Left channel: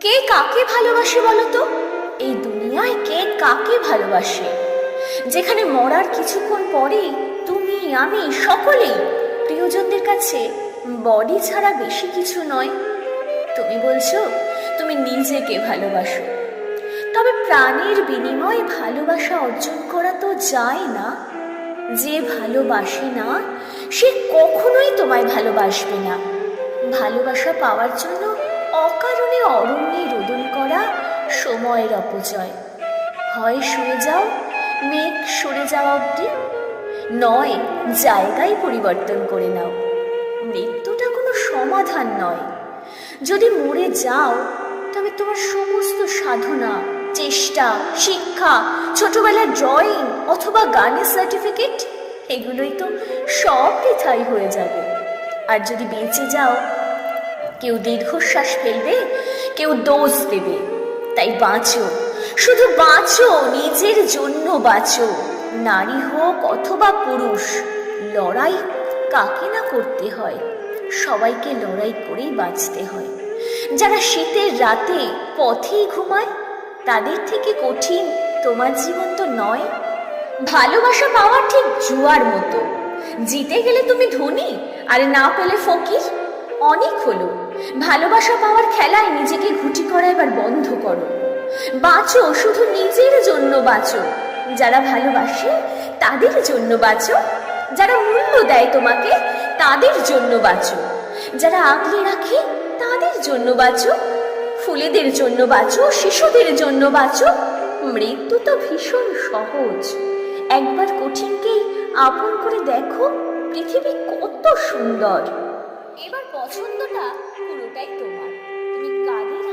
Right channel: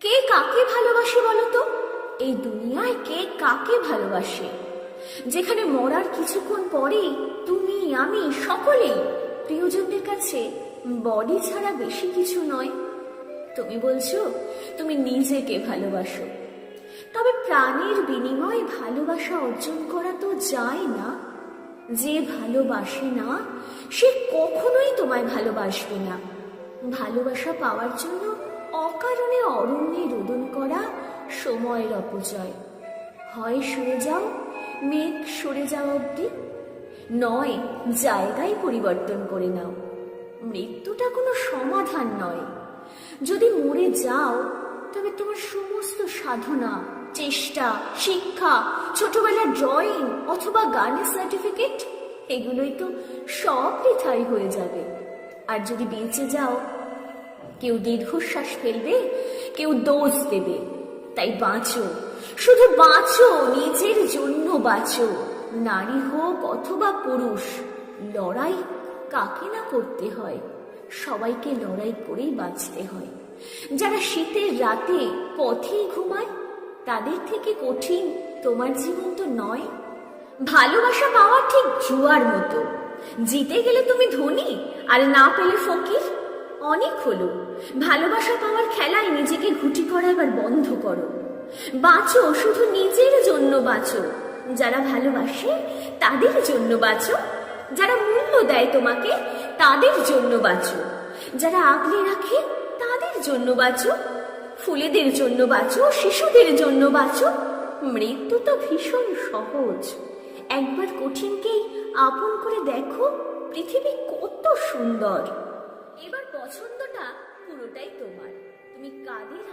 কে কাকে ভালোবাসে বলো তো? এই দুনিয়ায় কে কাকে ভালোবাসে? যেখানে মরার কিছুক্ষণ পরেই তুমি আমি সকলেই প্রিয়জনদের কাছে বডি ছাড়া বেশি কিছু নয়। তুমি বলছো তুমি নিজেকে ভালোবাসো, তবে প্রাণের বিনিময়ে ভালোবাসা অর্জন করা তো যায় না। যে ভালোবাসে না সে কখনোই তোমায় ভালোবাসবে না। ভালোবাসা পাওয়ার জন্য অকারণে অরণ্যে রোদন করা সময়ের অপচয়। হয় সরে যাও, মেঘ সরে যাওয়া অবধি, নয় জায়গায় পরিবর্তন করে নাও। মৃত্যুটা কোনো সমাধান নয়। যদি মরে যাও তবে তোমার সমস্ত সাধনা, চেষ্টা, শিক্ষা, ছোটবেলার ড্রয়িং অথবা গানের সার্টিফিকেট এগুলোই তো সব বৃথাই হয়ে যাবে। আর যদি বেঁচে যাও, কেউ দীর্ঘশ্বাস ফেলবে, কেউ দোষ দেবে। তাই বাঁচো, শুধু বাঁচো, নিজের জন্য বাঁচো। নারী হোক অথবা পুরুষ, লড়াই কাকে না করতে হয়, সবাইকে লড়াই করেই বাঁচতে হয়। যারা শীতের রাতে পথেই ঘুমায়, তাদের থেকে কঠিন তোমার জীবন তো নয়। ভালোবাসা পাওয়া ঠিক জুয়ার মতো, জিতে গেলে তুমি ধনী আর না পেলে ফকির। অনেক হলো, ভালোবাসা পাওয়ার খেলায় নিজেকে ঘুটি করা এবার বন্ধ করো। বাঁচো, শুধু নিজের জন্য বাঁচো। যারা ভালোবাসে তাদের জন্য বাঁচো, যারা মূল্য দেয় তোমাকে তাদের জন্য বাঁচো, যারা আগলে রাখে তাদের জন্য বাঁচো, ফুলেদের জন্য বাঁচো, শিশুদের জন্য বাঁচো। মৃত্যু তো ভীষণ সহজ। একবার কঠিনকেই আপন করে দেখো, পৃথিবী কত সুন্দর। এবার পছন্দটা পুরোটাই তোমার, তুমি কাদের